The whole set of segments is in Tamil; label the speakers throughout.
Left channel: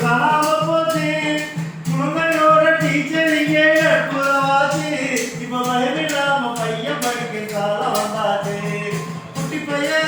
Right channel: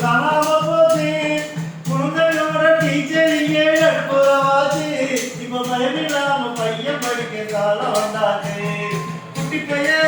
Speaker 1: காணாம குழந்தையோட டீச்சர் இங்கே அற்புதமாச்சு இப்ப பயனில்லாம பையன் படிக்க காலம் வந்தாச்சு குட்டி பையன்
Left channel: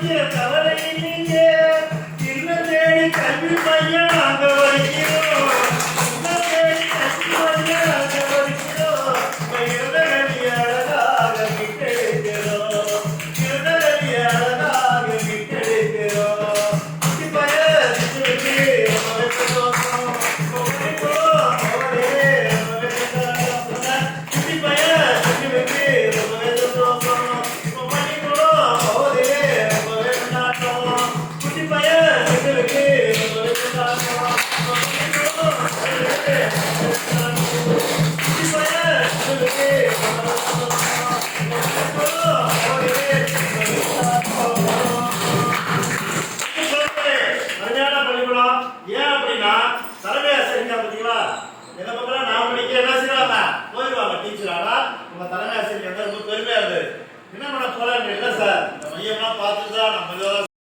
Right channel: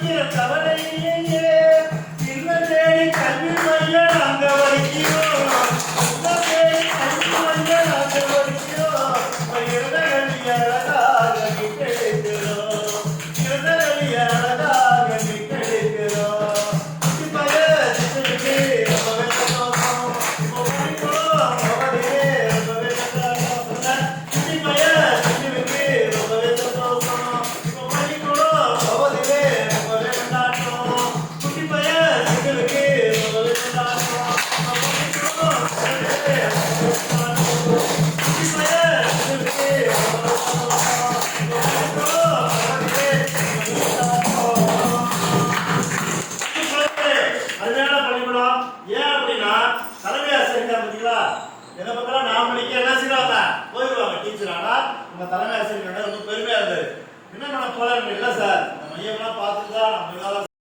Speaker 1: Deus. சரியான பள்ளிக்கூடம். ஏன் அப்படின்னா தலைமை ஆசிரியர் பார்த்தீங்களா? எதை பத்திரம் நான் படிக்க என்ன செய்வாங்க போயிடுவாங்க டீச்சர் ஆனா நம்ம தலைமை ஆசிரியர் ரொம்ப பெருமையா இருந்தது என்ன பண்ண தோழர்கள்? இல்லை சார்? மையம்லாம் பார்த்து தான் நம்ம இதெல்லாம்